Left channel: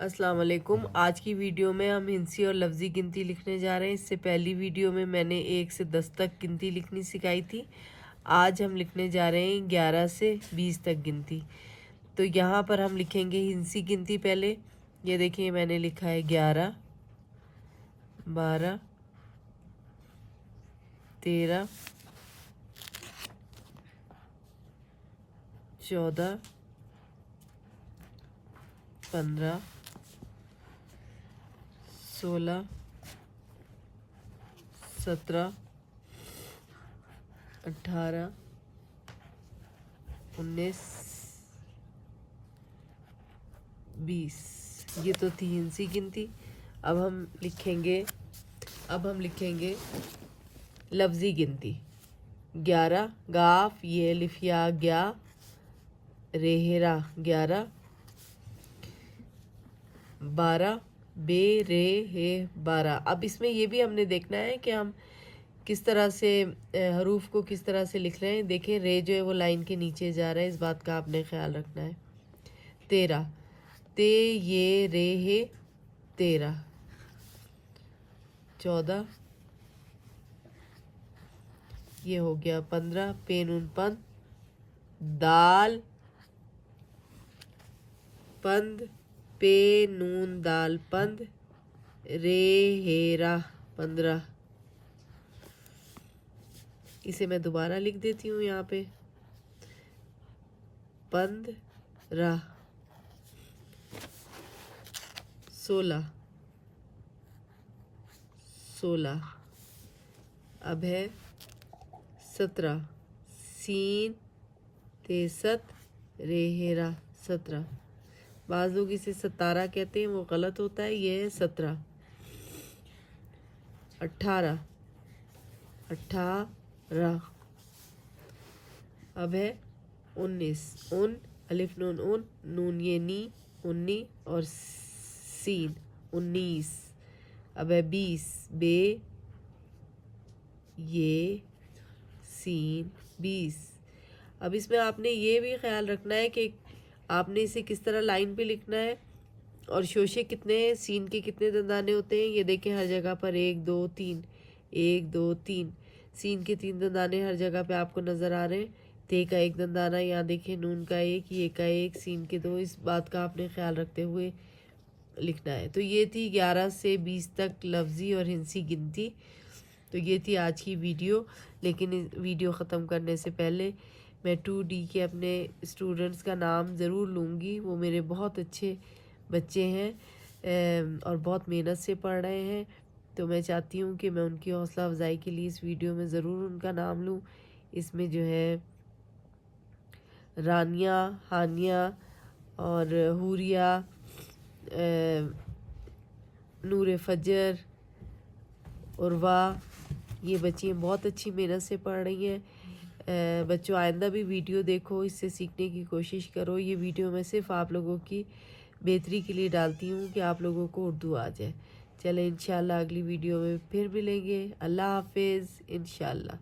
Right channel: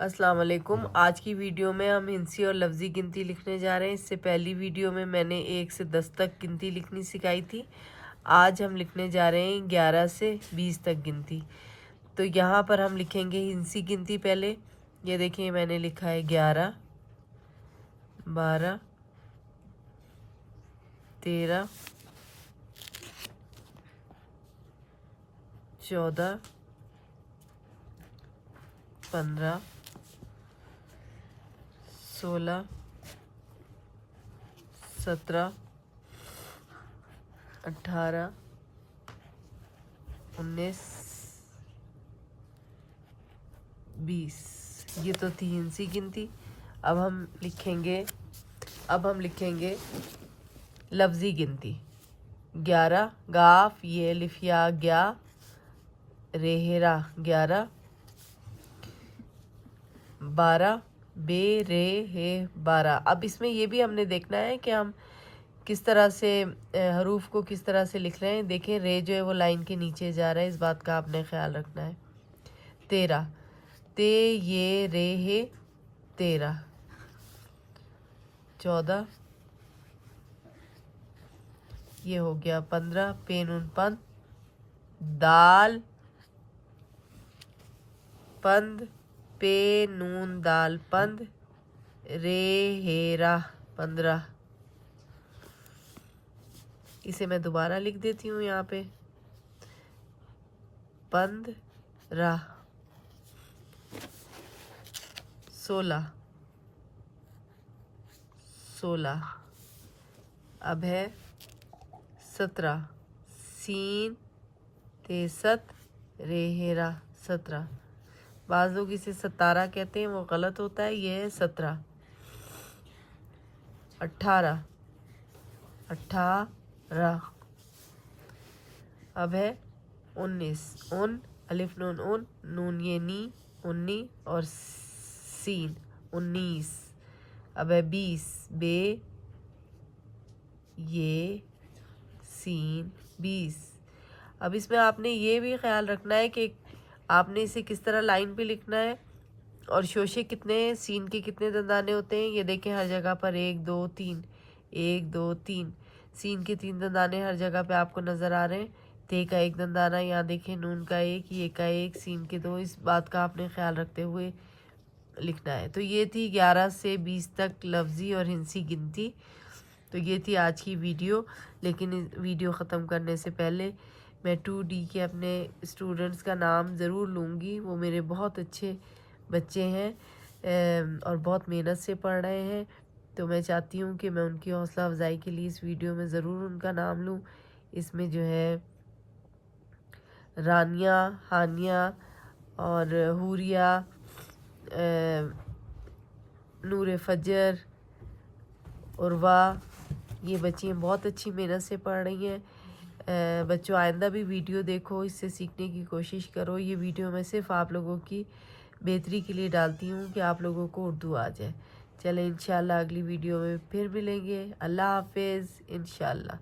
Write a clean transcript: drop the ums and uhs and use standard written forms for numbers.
अस्सलाम वालेकुम। आज की वीडियो में हम हिंसी और लफ्ज़ी गिनती लिखने जा रहे हैं। इससे पहली वीडियो में मैंने 1 से 10 तक गिनती लिखनी सिखाई थी। आज हम लिखने जा रहे हैं 11 से 20 तक गिनती। तो यहाँ पर हम लिखेंगे हिंसी गिनती पहले। ये देखिए मैंने लिखा है 11, 12, 13, 14, 15, 16, 17, 18, 19, 20। ये तो थी हिंसी गिनती। अब हम लिखेंगे लफ्ज़ी गिनती। 11 गाफ ये लिफिया ग्या रेहरा 11, 12 बे रे हे 12। अब इसमें ये भी हमने देखना है कि हम किस तरह से हरूफ को किस तरह से लिख रहे हैं। देखें रे जो है वो लाइन के नीचे जा रहा है, इस बात का आपने ख्याल रखना है। 13 ते ये रे हे 13, 14 ये हो गया 15 पे नून पन दाल पंद पे नून दाल पंद रे हेरा 15। इसे मैं दोबारा लिख देती हूँ यहाँ पे 15, 16, 16। अब है 17 सीन तेसत रेहेरा 17। बाज़ लोग इसे 17 कहते हैं, वो गलत होता है, ये है 17। 18, 18। अब है 19 उन अलिफ नून उन नून ये नी 19 और सीन 19। अब है 20 बे ये सीन 20। अब इसमें आपने ये भी ख्याल रखना है कि आपने इसे किस तरह लाइन पे लिखना है और शोशे कितने सीन के कितने दंदाने होते हैं। ये देखें हर जगह पर 1 2 3 1 2 3 सीन के 3 दंदाने हर जगह पे आपको नज़र आ रहे हैं। ते का 1 दंदाना, यहाँ देखें नून का 1, ये का 1, सीन के 2। इस बात का आपने ख्याल रखते हुए लिखना है। तो ये थी 11 से 20 तक लफ्ज़ी और हिंसी गिनती। तो ये थी आज की वीडियो। लेकिन इस वीडियो ख़त्म करने से पहले मैं 2D के अपने स्टूडेंट्स का नाम ज़रूर लूँगी। वो मेरे बहुत अच्छे बच्चे हैं और बहुत मेहनत से पढ़ रहे हैं। तो मैं चाहती हूँ कि मैं उनकी हौसला अफजाई के लिए इस वीडियो में ज़रूर उनका नाम लूँ। इसमें जो है रानिया, हानिया और हुरिया, नूर फजर, उर्वा, ये बच्चियाँ बहुत अच्छी मेहनत से पढ़ रही हैं। बच्चों आइंदा भी वीडियो देखो, इससे सीखने की कोशिश करो। ये वीडियो मैं सिर्फ आप लोगों की बेहतरी के लिए डालती हूँ कि आप लोगों को उर्दू आ जाए। चलें इंशाल्लाह अगली वीडियो में फिर मिलेंगे। अल्लाह हाफिज़ इंशाल्लाह।